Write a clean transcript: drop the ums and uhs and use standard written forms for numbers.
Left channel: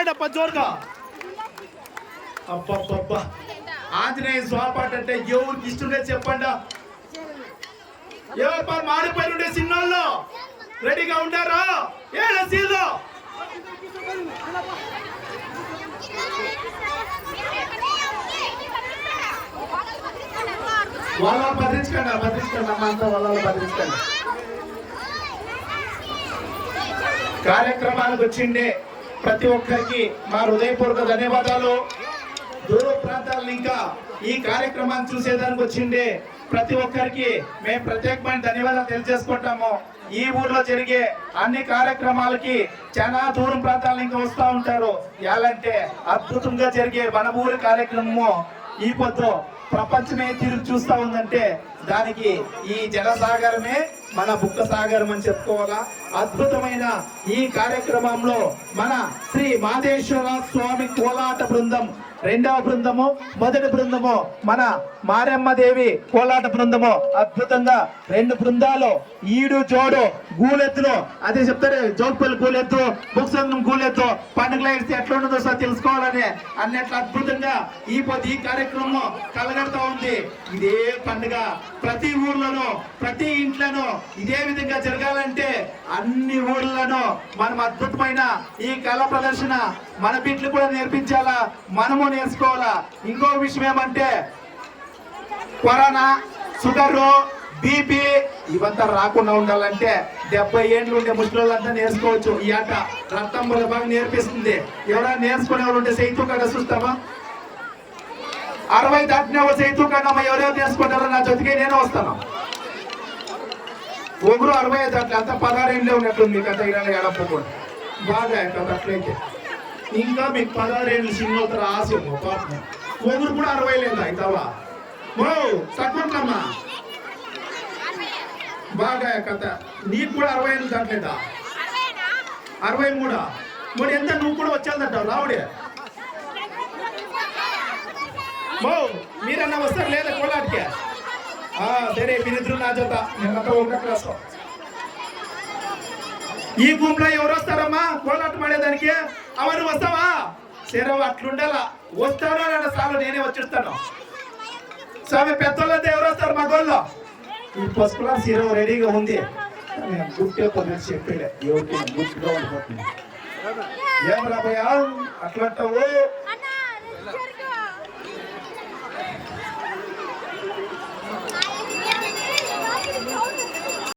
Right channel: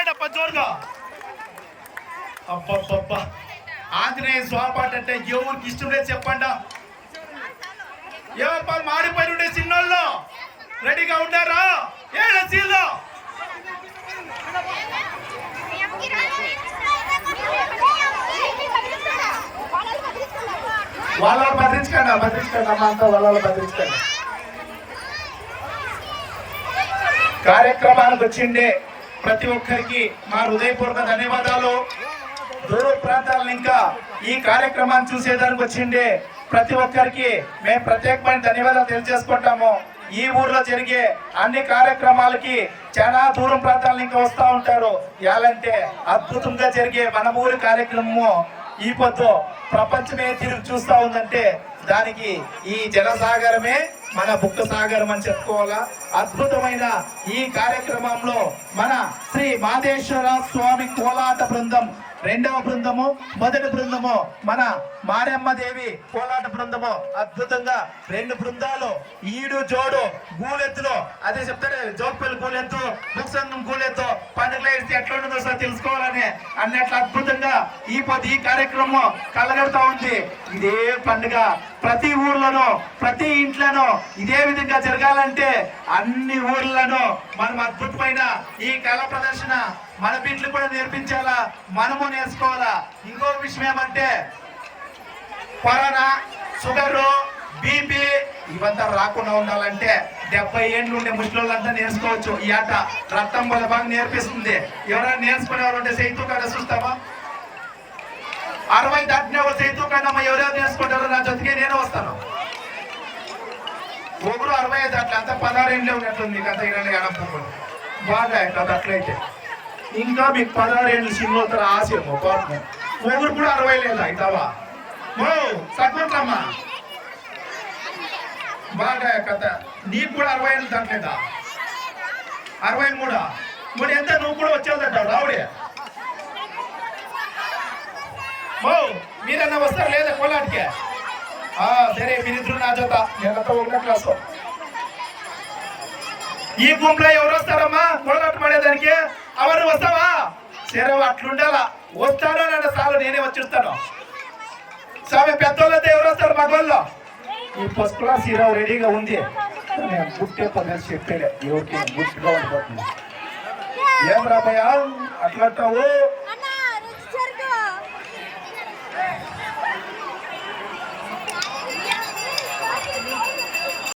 కొట్టండి అప్ప జోరుగా. అబ్బబ్బబ్బా, ఆంజనేయ స్వాపాట అంటే ఎవరికి ఇష్టం లేదు చెప్పండి. ఏమప్పా మారిపోయి ఉండే సిన్నోళ్ళు రెడీగా ఉంటారా? ఏడ సీలో వాళ్ళ భద్రించకండి అమ్మ అంతా వాళ్ళ భద్రించకండి. కార్యక్రమానికి వచ్చిండే ప్రతి ఒక్కరికి మా హృదయపూర్వక ధన్యవాదాలు. దూర ప్రాంతాలను ఇంకా ఈ కార్యక్రమాన్ని చూసేదానికి వచ్చిండే ప్రతి ఒక్కరికి మేము ప్రత్యేకమైన ధన్యవాదాలు తెలియజేసుకుంటాము. ఈ ఊర్లో జరిగే అన్ని కార్యక్రమాలకి చాలా దూరం ప్రాంతాలను ఇంకా వస్తూ ఉంటారు. ఎలాంటే అద్భుతంగా జరిగే మన ఊరి కార్యక్రమము ఈ పొద్దు ప్రపంచమే తిరిగి చూస్తా ఉందంటే దానికి ఈ జనసాగరమే మన బుక్క సాగరం అని చెప్పుకోవాలా. అద్భుతమైన ఈ కార్యక్రమంలో మన శ్రీ మాదేశ్వర స్వామి కోలాట బృందం రెండవ బృందము, మొదటి బృందము మన మారెమ్మ దేవి కోలాట బృందము అద్భుతంగా రెండు బృందాలు ఈడు జోడు గూలెత్తులు అదే చెప్తారు. జోగుపల్లి గూలెత్తు, బుక్సంగం గూలెత్తు పండుగలు వేస్తే ఎట్లా ఉండదో సార్ తెలుసుకోవాలని అన్నట్లు అద్భుతంగా ఈ కార్యక్రమం కలగడతా ఉంది. ఇదే పండుగ ప్రతి ఊర్లోనూ ప్రతి ఇంట్లోనూ ఇదే విధంగా జరగాలంటే అన్ని ఊర్లను మనం అద్భుతమైన ఈ కళ ప్రదర్శన మన బిడ్డలు కూడా నేర్పించాలా, మనము నేర్చుకోవాలా. ఇంకో విషయం ఏమంటే కరోనా, షుగరు, బీపీ ఇవంతా రాకుండా ఉండాలంటే 70 ఏళ్ళు ఉండే ముసలోళ్ళంతా నేర్చుకోవచ్చు. ఈ ఆట రక్తం బాగా నేర్పిస్తుంది. ఎవరైనా నేర్చుకునే వాళ్ళు ఉంటే సైతు కాడ చూస్తామా? 60 దాటిన వాళ్ళు సైతు కాడమ్మా ఎవరెవరు నేర్చుకుంటారో నా జೊತೆಗೆ నేను వస్తాను. ఒకరు 65 దాంట్లో అంతా 16 ఏళ్ళే ఉన్నట్టుంది కథ. ఇరవై ఎడపోకుండా బాగా కథ అట్లయితే ఇంకా మీకు 16 ఏళ్ళు సినిమాతారు ఆశేమో పాపం. ఒకరు కూడా 60 లేదా ఇతావా ఓ తక్కువమ్మా బాగా కథ. నీకు కూడా 60 ఏళ్ళు దాటలేదా? 63 మరి ఎంత నువ్వు కూడా వచ్చేదంటావు రావుడే. మో మీరన్నా వస్తారు లేదా కోలాటికే? సరే మీరిద్దరు నా జత నేనంతా 1వ క్లాసు. ఈ గుంపులో ఎవరు వస్తారమ్మా కోలాటం ఆడేదానికి? అవరు వస్తావా? సరే అట్లుండాలా. వస్తానో నేను సార్లు నేనే వచ్చిస్తాను. స్వామి పెద్దోళ్ళంతా ఎవరు వస్తారు మగోళ్ళు? ఈ పసుపులా సీరో రెడీగా ఉంది. గుట్టే పదిహేను చెప్పలే ఎవరికి గుట్టుగా ఉండిపోతుంది. ఏం రాబోయా అట్లంటావు?